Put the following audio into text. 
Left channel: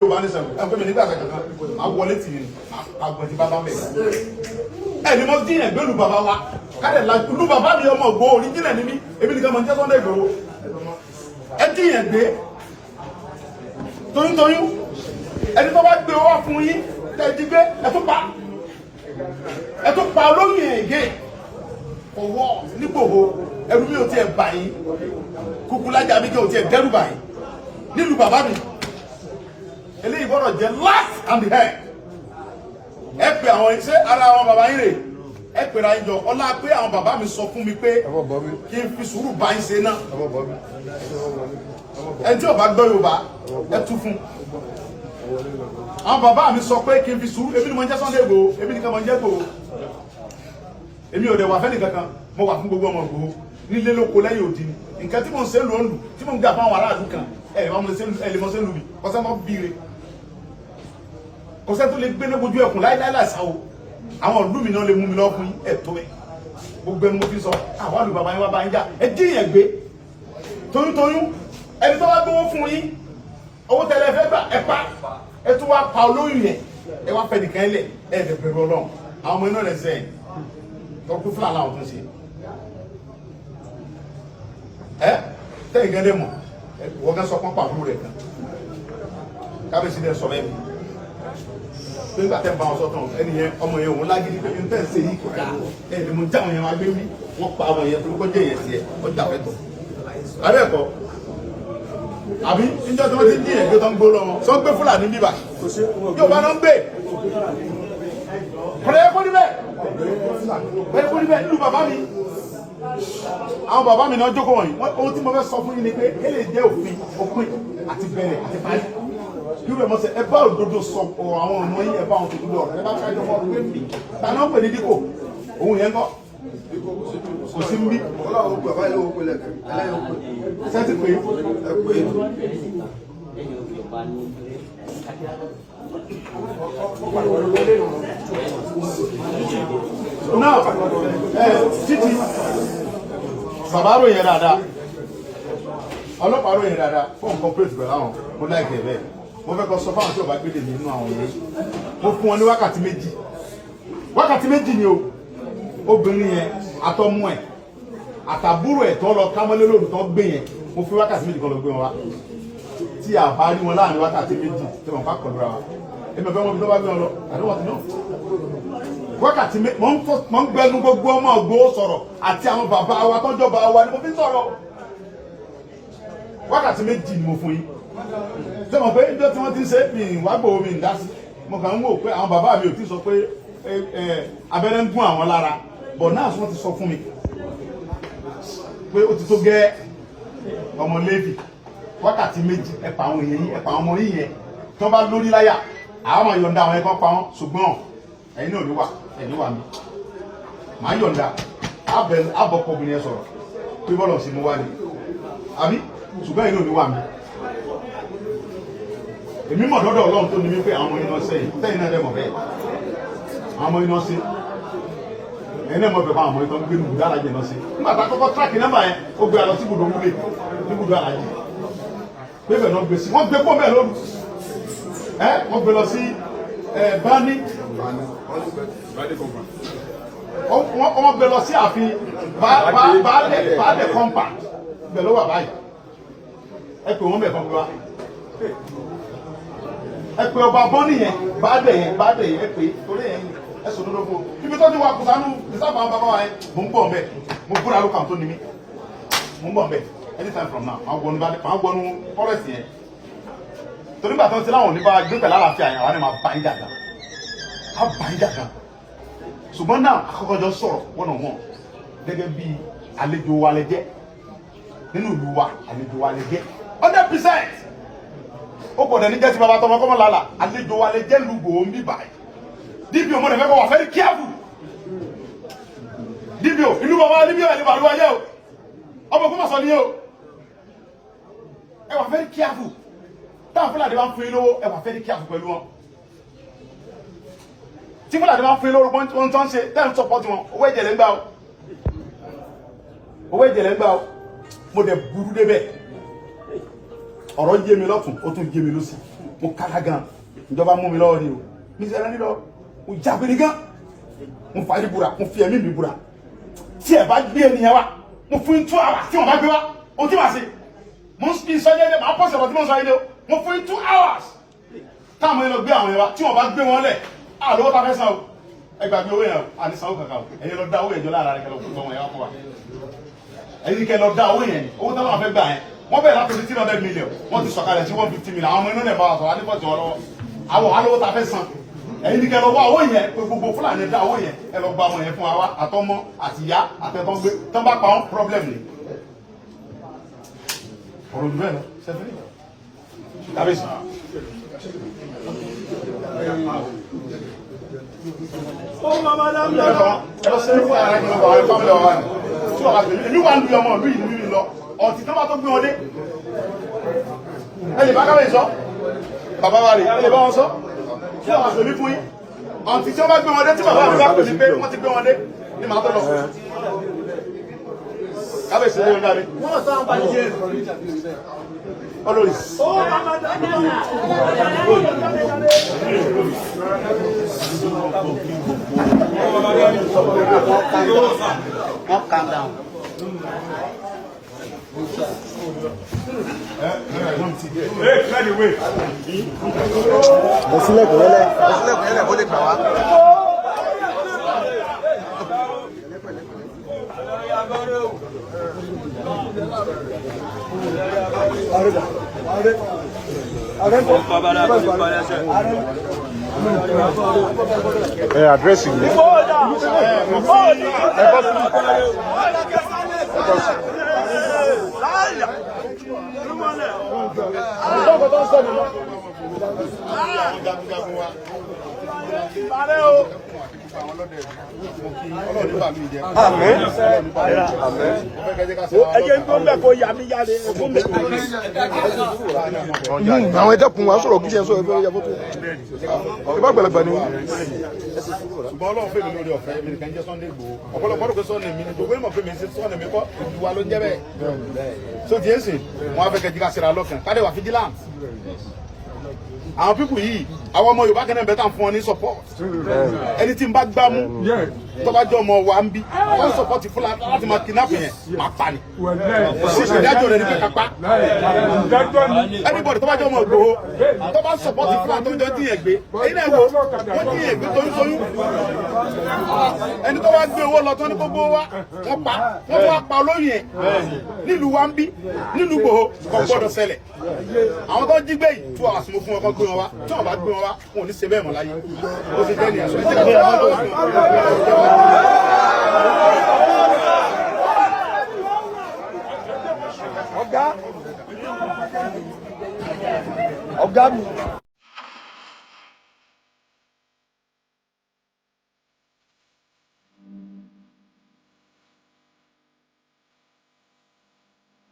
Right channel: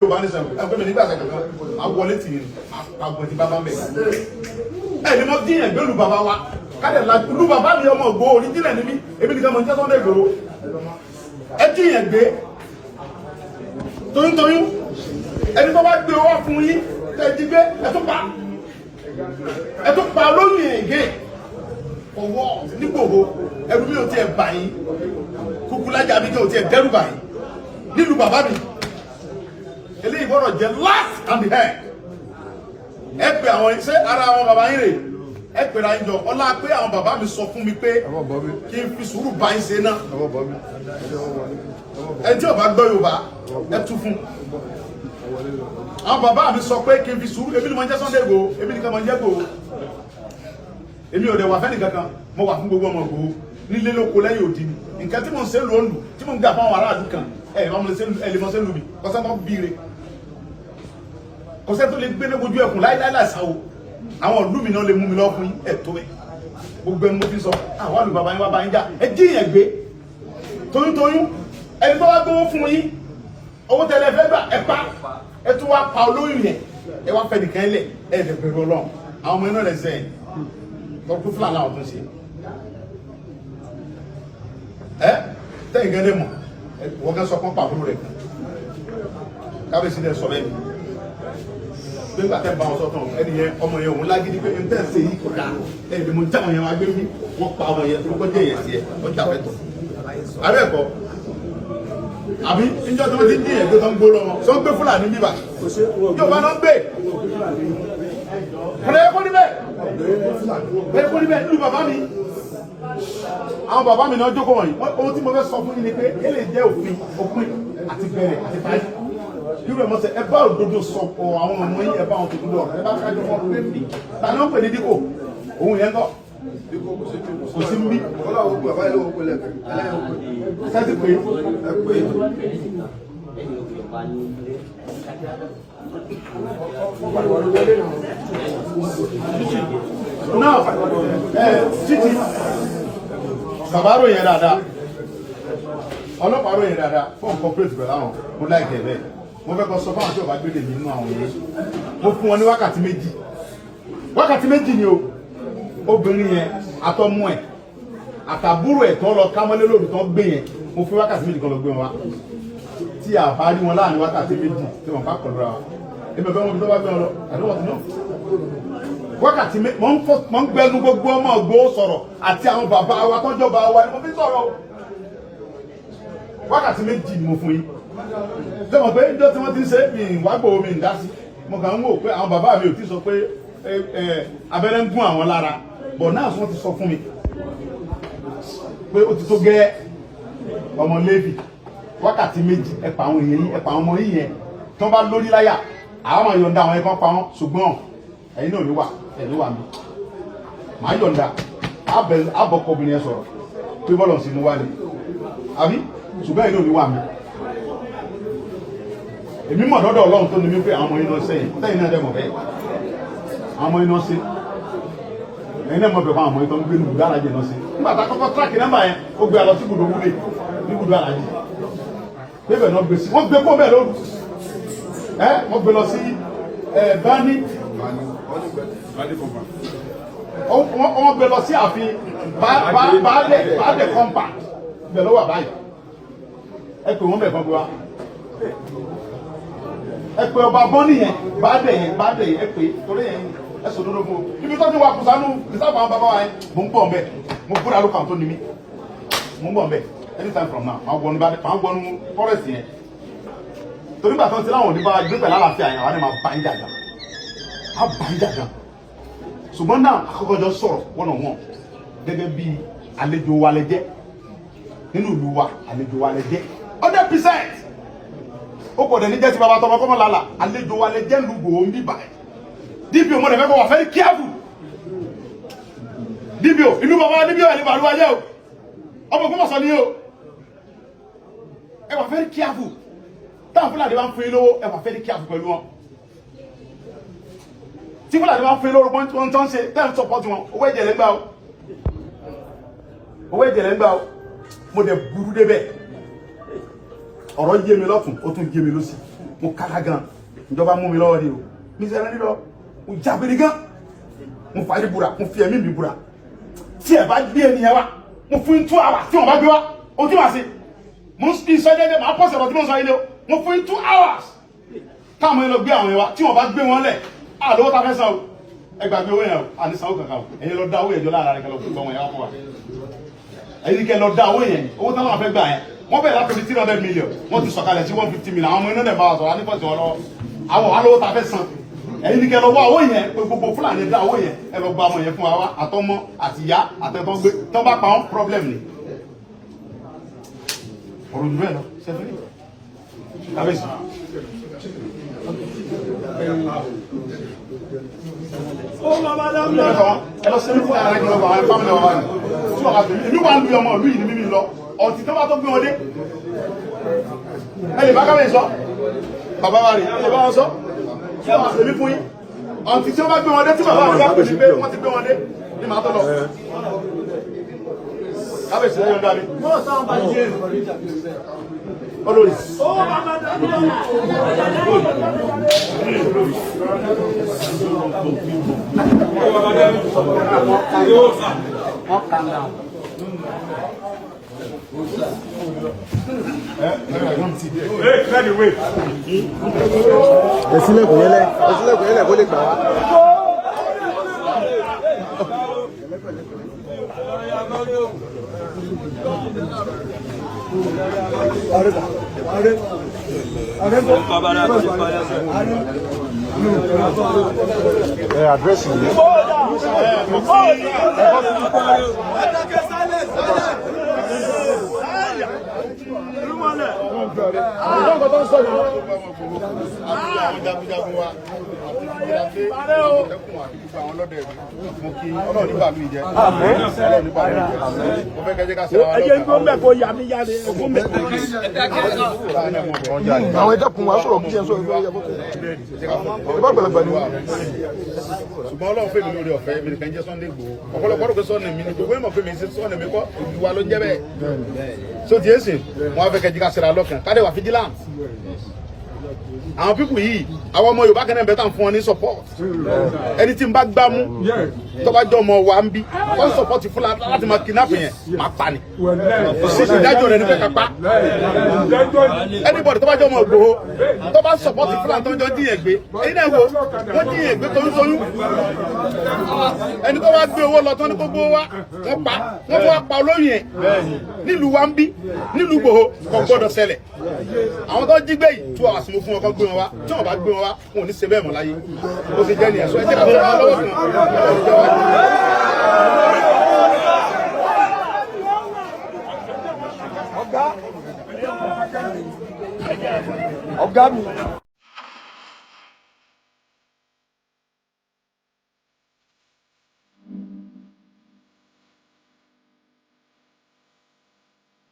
Yorùbá ní sẹ́wọ̀n ẹ̀fọ́ mi nígbà kankan máa wọlé tì í máa gbọ̀n tí bàbá mẹ́. Ẹ ní mo dín ẹ̀gbẹ́ lu bàbá wa káyọ̀ la lu bàbá mi ọmọ ògbó oríjìnà ní mi èmi nìkan mọ̀ ní jẹ́ Sunday Igboho. Ẹ dín ẹ̀gbẹ́ toyúntoyún ẹni tó bá gbé owó fún yín tẹ̀ jí gbé ẹ tún pa olóyún ẹ̀gẹ́ ọwọ́ nígbòho ẹrù mi ò tiẹ̀ bà yín kúkú lájà mi kí ò tiẹ̀ dẹ́rù bà yín nílùú bàbá mi. Eléyìí gbọ́dọ̀ jẹ́ last and the head. Ẹ pè àwọn ṣé ara àwọn bàbá yín rè ẹ pè ra ìjọ ọlá pé àwọn bàbá mi sọ fún mi pé kí n fi sùúrù bá yín ṣe náà. Ẹ tí ó bá gbọ́ Yorùbá ẹ tú fún. Àwọn bàbá mi sọ pé kí n fi sùúrù èmi ni mo ń jẹ́ Sunday Igboho èmi nìkan mo ń jẹ́ Igboho. Èmi ò dẹ̀ wà fẹ́ni kankan mo wà fún gbogbo ọmọ Igboho nílé lóko lẹ́yìn òdì ni. Nǹkan tí mo ń ṣe lóńdù tí mo ń gbà fún àwọn aráàlú kan ẹ lè mọ sẹ́lù mi kọ́sẹ́ mọ́ bíire. Kọ́sẹ́ tó lè gbé ní ojú ẹkùn láíláí láìsáwò àwọn ìlú mi náà lè mú mi lọ fún ẹ̀tọ́ ẹ̀ gbogbo ẹni mo fi sọ àwọn àlù bàbá yín wá bá yín jà ẹ dín yẹn gbé toyúntoyún ẹni tó wá gbówó fún yín owó tẹ́lẹ̀ fẹ́ gbà ẹ pa ẹ tún wá pa olóyún yẹn ẹ wá fẹ́ nìkan lẹ̀ ẹ dẹ̀ bẹ̀rù Ọlọ́run àwọn ọmọ iná rẹ̀ sẹ́yìn tọ́kú fúlàní làwọn tó ń ṣe ẹ tẹ́yìn gẹ́gẹ́ mọ̀ wọ́n gán sọ fún pàbúrò rẹ̀ kan kábíyèsí dẹ̀ sọ bẹ́ẹ̀ nígbà tẹ́ ń bá wọn sọ́tàn ẹni yẹn ọmọ yẹn òun lágídí pé n tẹ́ ń ṣe yìí kò dáa ẹni mo jáwọn yẹn wá gbé mi wọ́n pa àwọn yẹn tó kọjá yẹn sí ẹ ọjà fẹ́tọ̀ abẹ́ ẹ̀kọ́ àbí níjọ́ tí wọ́n ti dín ẹ̀gbẹ́ tó ń gbó lọ́wọ́ sọ ń gbé Fúlàní bíbà yóò bá náà ń gbé kọ̀dọ̀ ẹ̀kọ́ níbẹ̀ ẹ̀kọ́ níbẹ̀ nínú bàbá mi àwọn bàbá mi náà jókòó wọ̀nyí ohun tí mo fẹ́ sọ fún yín ni pé kéle jẹ́ òpin àti bẹ̀rẹ̀ àti parí yóò rẹ̀ mọ́ sẹ́ ẹ bá òdodo sọ àwọn ọmọ yín ẹ bá wọn tètè lọ ẹ bá fẹ́ jọmọ pé mi ta náà pè ní dípò òun yẹn kọ́ kò sí níbí sẹ́tì pé náà títí bàbá ròyìn dáadáa ọlọ́pàá ròyìn dáadáa fún nǹkan pírèsì pẹ̀lú àwọn mo láìpẹ́ bẹ́ẹ̀ mo fẹ́ kọ́ sọ fáwọn tí ò bá gbélé mi nínú àwọn yẹn mo fún wọn ní wákàtí méjì ni o obìnrin yẹn àtọmú ẹ̀ àtàbúrò ẹ̀ tó lọ kámọ́lé lóru tó gbé yẹn mo fún wákàtí méjì kan lọ gbé wọn wá tí a bá rí wọn láàrin wákàtí méjì tí wọn bá kọlu ra wa èmi ọ̀fẹ́ wọn bí tó bá gbé wọn lọ àdúgbò tí náà wákàtí méjì mo ń gbẹnu gbogbo ọmọ Ìgbòho sọ̀rọ̀ àti àwọn bàbá wa tọ́jọ́ bá wa ni mo fi sọ̀rọ̀ wákàtí méjì ni mo fún yín tẹ́wọ̀n pé ìjọ tí wọ́n ti ń ṣe mi ìwà Ìgbòho mi ń dá sí mo kàn ń wò pé àwọn bàbá mi ò tí sọ pé abẹ́rẹ́ ń gún àwọn lára bọ̀ náà wọ́n ti sọ fún mi pé ó ti tó gẹ́ ọmọ Léfì wákàtí méjì ẹ̀pà àwọn èèyàn yín ẹ̀pà àwọn ọmọ yín yẹn tí wọ́n bá lórí láyà àwọn ọmọ yọ̀ǹda àwọn ẹ̀kọ́ pa wọn ṣùgbọ́n ẹ̀yin náà ò ní wà ẹ̀ ní wà mí màá yọ̀ǹda àbọ̀kọ obìnrin yẹn sọ̀rọ̀ pé bọ́lọ̀ sí mú wá ní àbí ṣùgbọ́n ẹ̀yin náà ò ní wà mí èmi mọ̀ lọ́dọ̀ Ọlọ́run tó ní mí pé àwọn ọmọ yín náà sẹ́yìn sẹ́yìn náà dẹ̀ mọ̀ bẹ́ẹ̀ àwọn ọmọ yín náà sí ẹ̀yin náà mọ̀ bẹ́ẹ̀ fún àwọn ọmọ yín tó ń gbé lù gáràjì náà sí nígbà tá a kọ́kọ́ tíráàkì nọ́mbà yẹn ó gbé alọ sí ibùdó wúlé níbùdó àlàjì pé bẹ́ẹ̀ náà gbé sí wọ́n gbé kó bẹ́ẹ̀ lóru wọ́n gbé lọ sí bani wọ́n gbé lọ sí ààfin baálẹ̀ compact ibẹ̀ ló wà báyìí ẹ pè wọ́n bẹ̀ kan gbé wa ẹ pè ọba bọ́ọ̀nì yẹn baálẹ̀ yẹn ẹ pè torí yẹn ẹ sọ lódò fún o ibi tó ti wà kùsànù ìsáfà àwọn bàbá wa yẹn mo ń bọ̀ mbẹ mo búra lókàn tó ní mi mo ń bọ̀ mbẹ anytime from now àwọn gbọnú forest yẹn torí gbàtàn tí láwọn oníbà gbé pẹ̀lú àlàáfíà yẹn àwọn ni máa bá yín jàjà á bá yín jàjà ṣùgbọ́n náà àkọ́kọ́jọ́ sọ̀rọ̀ wọ́n náà wọ́n gẹ́gẹ́ bí àlejò wa lẹ jẹ́ nínú ìlú wa àlejò wa lẹ jẹ́ 100% ó kò dẹ̀ ní jẹ́ ti bàbá tọmọ kọ́mọ lálà àlejò wa lẹ jẹ́ lùgbò ń bí báyìí DPO mo dẹ̀ fẹ́ kọ́ wà very careful DPO inú bàbá DPO ẹ̀ ní bàlúwà yẹ o ọmọ kọ́mọ sọ ní yẹ o ẹ wà very careful táwọn Fúlàní bá ń fún yín lówó ẹ wà very careful pẹ̀lú wọn tí Fúlàní bá ń fún yín lówó wọn tó ń ṣe tẹ́lẹ̀ support wọn owó ẹ̀jẹ̀ lẹ́ ń gbà o mo dẹ̀ burú débẹ̀ ọ̀rọ̀ yé mi lọ́tùn ó tún yé mi lósì mo kára gan ìjọba mú mi lọ́wọ́ ni o mi sẹ́lẹ̀ nílọ mo jágbére gan mo fàárí búra mo fi ẹ̀mí mi búra tí ẹ bá gbé ènìyàn wa mo fún 2 hours tí wọ́n bá gbé wa o tí wàá ṣe mo ń sọ ilé máa pọ̀ sẹ̀pọ̀ tí mo ń sọ ilé o mo fún 2 hours táwọn èèyàn lọ gbé àwọn yẹn wa tí wọ́n bá gbé wọn lẹ̀ àlówó ta fẹ́ san o ẹgbàgbé owó yẹn o àní sanwó kankan o ẹ̀yin lọ dá owó yẹn jọ lára rẹ̀ kẹlẹ́ fún ọmọ yẹn wá fún wa ẹ̀yin kẹ lọ dá owó yẹn owó táwọn afẹ́ gbà yẹn wọ́n bẹ̀rẹ̀ láti 300 million wọ́n ti sọ̀kalẹ̀ sí 150 million àwọn ọmọ inú dẹ̀ bá wa sọ̀rọ̀ alẹ́ fọ̀tì wọn lọ́wọ́ àwọn alówó ta fẹ́ san ẹ̀yin kẹ lọ wá owó yẹn pé gbogbo Fúlàní dá owó yẹn ẹ lọ gba ọmọ yẹn fún wa àtọmọ àtìyá àtẹtọ́ gbé tọ́ bá pa wọn problem ni ọ̀rọ̀ jù bẹ́ẹ̀ lọ sẹ́fẹ́ kábíyèsí. ìlú wa ń lu ọmọ ìlú yìí nínú lọ ọtí tó bá tó gbé wọn dé ẹ lè bá kábíyèsí sọ bàbá wa rè é lè bá wọn sọ fún àwọn àṣẹbí fún yín ọtí tí wọn bá gbé wọn dé tí bàbá mi bá pè ní pé wọn ti gbé wọn dé ní màá tọ́ lọ. kábíyèsí lẹ́yìn ọ̀dà mi. olórí. Ẹ̀sílẹ̀kùn yẹlẹ̀ kó lè gbà wá. Addressing me. Àwọn ẹjọ́ kun wá sọ̀rọ̀ bí ṣe ń sọ ìfẹ́ ìyàwó tó. Ìbá pẹ̀lẹ́pẹ̀ ni wọ́n. Ṣùgbọ́n Ọlọ́run fèmí lórí ọ̀fẹ́ mi nìkan jẹ́ Sunday Igboho. Ọ̀pọ̀lọpọ̀ rò pé Sunday mi ni gbogbo ìmọ̀ fèmí sí Sunday mi kọ́ ìwà ló ń jẹ́ bẹ́ẹ̀. So ti èsì wọn á fẹ́ kẹjí ká ṣera lọ́kàn ká dẹ̀ wà vigilant. Àwọn pípù yìí àwọn ọmọ Yorùbá kan náà bẹ́ẹ̀ tàn fún wọn ní support. Ẹni tí n bá gbá mú tó bá jọ ọmọ wa ń bí wọ́n support Fúlàní láti máa kidnap yẹn máa pa ni. Kò sí ìdájọ́ rẹ̀ ní pé ká pa. Anybody tó bá jọ ọmọ Igboho tó bá support Fúlàní tó ń jọ díyẹn gbé èyí náà wo wọ́n díyẹn gbé toyúntoyún. Ẹni tó wá gbé owó lọ tó ní kó gbówó wá wọ́n pa wọ́n tó wá pa olóyìn ẹ̀ nílùú wa ń bí nílùú Igboho kò gbọ́dọ̀ ṣẹlẹ̀. Àwọn tó jí gbé yìí tú àwọn àsìmọ́ fún wọn kó gbé wọn wá tí wọn bá gbé wọn wá wọn ò ní ṣe bẹ́ẹ̀ mọ́ láyé ó ti jẹ́ nìyẹn sọ ẹ jẹ́ ká fún wọn lọ́wọ́ kan. Ọ̀gá mi.